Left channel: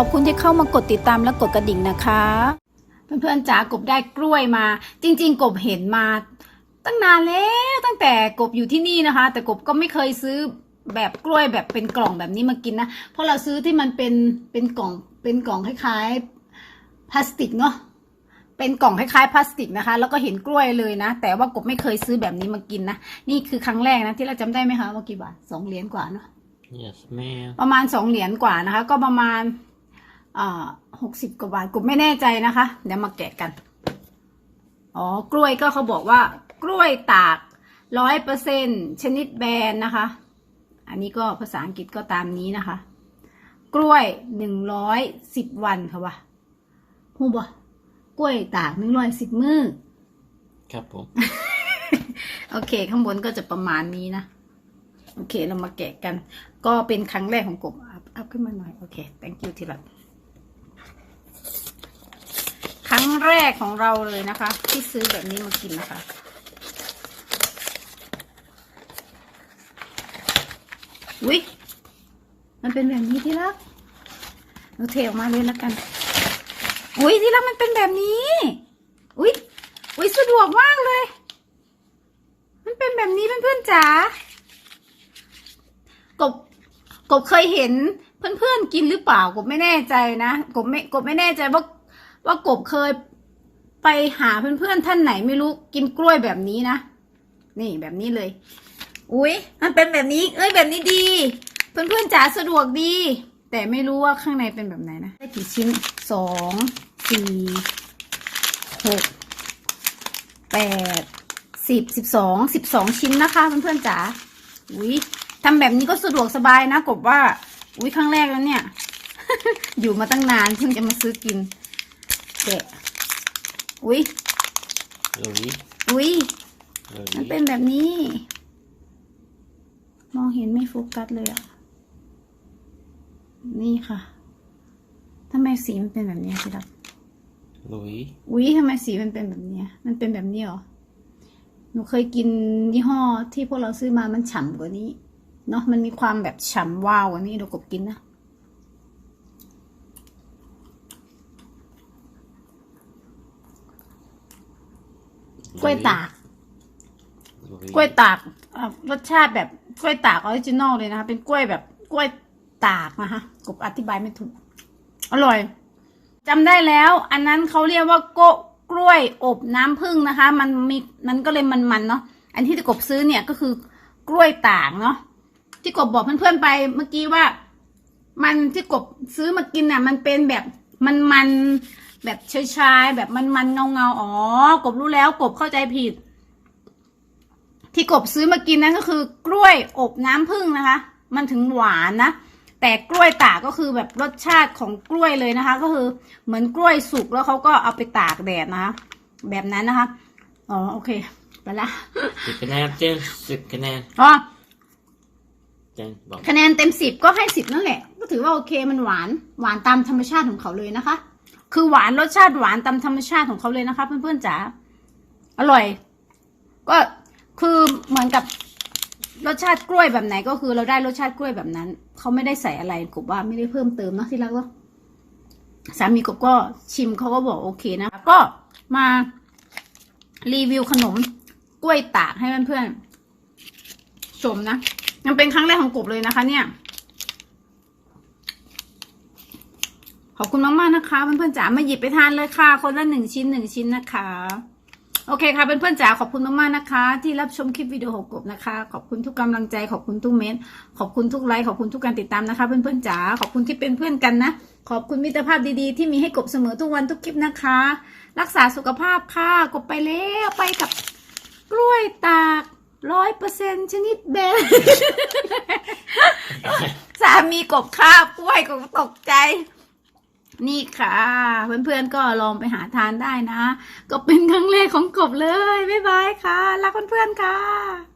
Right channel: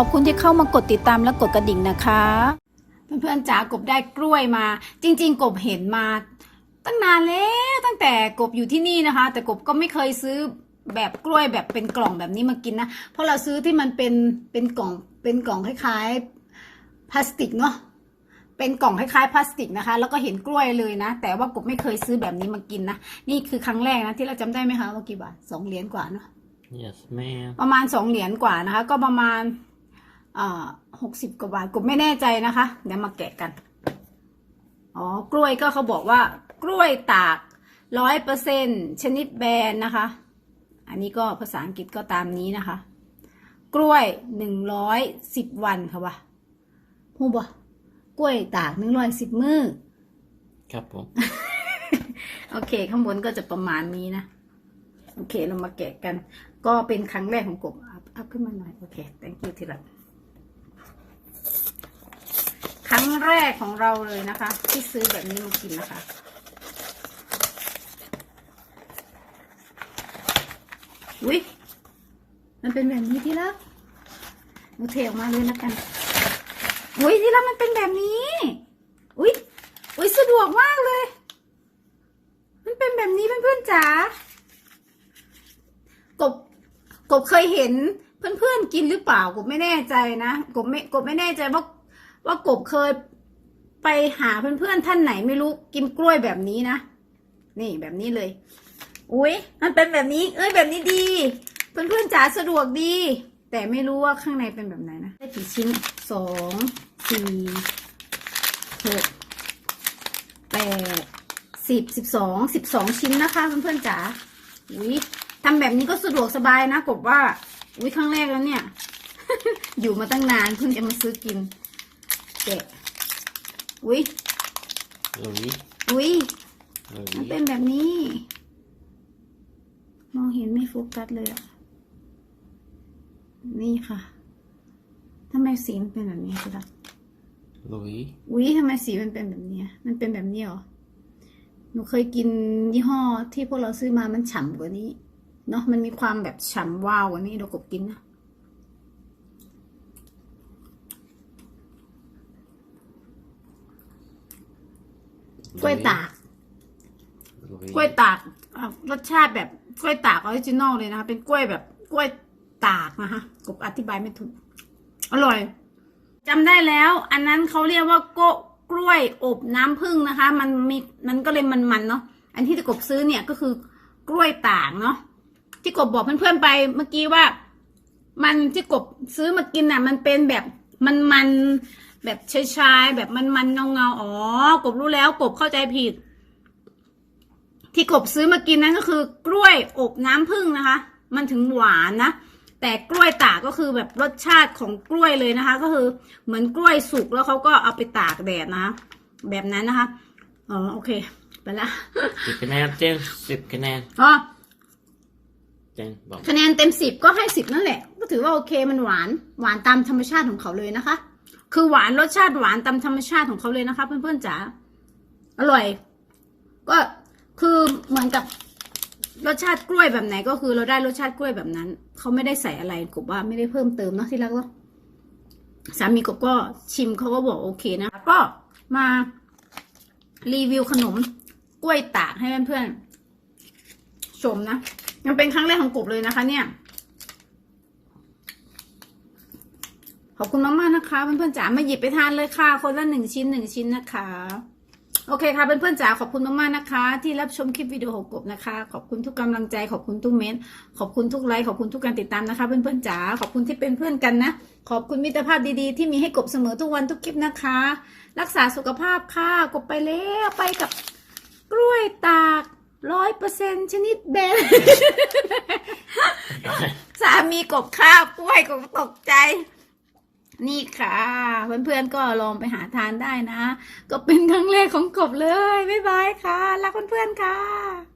ขอบคุณที่เข้ามากดติดตามและกดกระดิ่งนะคะ เพื่อนๆจ๋ากบได้กล้วยมา จริง ๆ กบเห็นมา ตั้งนานแล้วตั้งแต่กบอยู่ที่นี่นะคะ แต่กบก็ไม่เคยซื้อแบบกล้วยแบบเป็นกล่องแบบนี้มากินนะ เพราะเราซื้อที่มันเป็นเป็นกล่องเป็นกล่องคล้ายๆพลาสติกเนาะเป็นกล่องคล้ายๆพลาสติกนะคะ แล้วก็เห็นกล้วยเลยนะ แต่ว่ากบไม่เคยซื้อแบบนี้มากินนะ นี่คือครั้งแรกนะที่เราจำได้ไหมคะว่ากี่บาทสองเหรียญกว่าเนาะ Yes, ma'am. ประมาณสองเหรียญกว่านะคะ ก็ประมาณอ่า หกสิบกว่าบาทกบไม่แน่ใจนะคะ เดี๋ยวมาแกะกัน อ๋อ กล้วยก็เขาบอกว่า กล้วยตากร้อยเปอร์เซ็นชนิดแบนนะคะ อันนี้ก็ภาษาอังกฤษก็ตามนี้นะคะ กล้วยหนึ่งร้อยสิบวันค่ะวะหูบ่กล้วยตากหนึ่งร้อยสิบมือครับผม โอเค ข้างบนก็จะประมาณนี้นะ โอเค เรามาแกะกัน ก็เป็นครั้งแรกของกบอัพอัพขึ้นมาหน่อย โอเค thank you ที่รักครั้งแร กของเราเลยนะคะ ที่ซื้อแบบนี้มากินนะคะวิมันเป็นแบบนี้ที่รักเราเทออกมาเลยแล้วกัน อุ้ยที่รักมันเป็นแบบนี้ อุ้ยอุ้ยสะดวกมากเลย มันเป็นแบบนี้เพื่อนๆจ๋ากบกบเคยเห็นเพื่อนๆกินหรือเปล่ากบไม่แน่ใจนะกบไม่กบไม่แน่ใจว่าว่ากบเคย ไปหาเพื่อนๆท่านไหนไม่รู้กินกล้วยแบบนี้นะ นี่แบบนี้เลย อุ้ยมันเป็นแบบนี้ เอ้ยแบบนี้ดี เพื่อนๆจ๋าสะดวกดี แต่ไม่รู้ว่าข้างในเป็นแบบไหนนะได้กี่ชิ้นสองสี่หกแปดสิบสิบสองสิบสองชิ้นนะคะเพื่อนๆจ๋าอุ้ยทำแบบนี้ก็สะดวกสบายนะกบว่า อุ้ยครั้งแรกแล้วเนี่ย อยู่มาตั้งนานเพิ่งจะมาซื้อกินแกะ อุ้ย Louis. อุ้ยมัน Louis. เป็นแบบนี้ มองเห็นไม่โฟกัสเลยอะ นี่ค่ะทำไมสีมันเป็นแบบนี้พี่ดัก Louis. อุ้ยทำไมสีมันเป็นแบบนี้อะมันเป็นแบบนี้เหรอ หนูเคยกินยี่ห้อที่พวกเราซื้อมามันฉ่ำกว่านี้ เนาะมันมีความแบบฉ่ำวาวกว่านี้เดี๋ยวกบกินนะ กล้วยตาก Louis. กล้วยตากออกรสชาติแบบกล้วยตากออริจินอลเลยนะคะเป็นกล้วยแบบกล้วยตากนะคะกบอธิบายไม่ถูก อร่อยจำได้แล้ว อันนั้นเขาเรียกว่าโกกล้วยอบน้ำผึ้งนะคะ มันมีมันก็เลยมันๆเนาะอันที่กบซื้อเนี่ยก็คือกล้วยตากเนาะที่กบบอกเพื่อนๆไปเมื่อกี้ว่า มันที่กบซื้อมากินอะ มันเป็นแบบมันๆ แบบชายๆแบบมันๆเงาๆอ๋อกบรู้แล้วกบเข้าใจผิด ที่กบซื้อมากินนั่นก็คือกล้วยอบน้ำผึ้งนะคะ มันถึงหวานนะแต่กล้วยตากก็คือแบบรสชาติของกล้วยเลยนะคะ ก็คือเหมือนกล้วยสุกแล้วเขาก็เอาไปตากแดดนะคะ แบบนั้นนะคะอ๋อโอเค ไปละสิบคะแนนเจมส์สิบคะแนนอ๋อเจมส์บอกคะแนนเต็มสิบก็ให้สิบนั่นแหละ ก็ถือว่าโอเคมันหวานหวานตามธรรมชาติของเขาเลยนะคะ คือหวานรสชาติหวานตามธรรมชาติของเขาเลยนะคะ เพื่อนๆจ๋าอร่อย ก็คือเหมือนกับรสชาติกล้วยแบบไหนก็คือเราได้รสชาติกล้วยแบบนั้น เขาไม่ได้ใส่อะไรกบว่าไม่ได้เพิ่มเติมนะที่รักเนาะสามีกบก็ชิมเขาก็บอกโอเคนะก็มารีวิวขนมกล้วยตากให้เพื่อนๆชมนะ มันเป็นครั้งแรกของกบเลยนะคะ เนี่ย ขอบคุณมากๆนะคะเพื่อนๆจ๋ามาหยิบไปทานเลยค่ะ คนละหนึ่งชิ้นหนึ่งชิ้นนะคะ โอเคค่ะเพื่อนๆจ๋าขอบคุณมากๆนะคะ ที่รับชมคลิปวิดีโอของกบนะคะ ขอบคุณทุกกำลังใจขอบคุณทุกเมนขอบคุณทุกไลค์ขอบคุณทุกการติดตามนะคะ เพื่อนๆจ๋าขอบคุณที่เป็นเพื่อนกันนะ ขอบคุณมิตรภาพดีๆ ที่มีให้กบเสมอทุกวันทุกคลิปนะคะ รักษาสุขภาพค่ะกบไปแล้วไปกับกล้วยตากร้อยเปอร์เซ็นชนิดเบลสามีกบข้าวกล้วยกบตกใจ นี่ค่ะ เพื่อนๆก็ลองไปหาทานได้นะ ก็เป็นครั้งแรกของกบเลย บ๊ายบายค่ะ รักเพื่อนๆค่ะ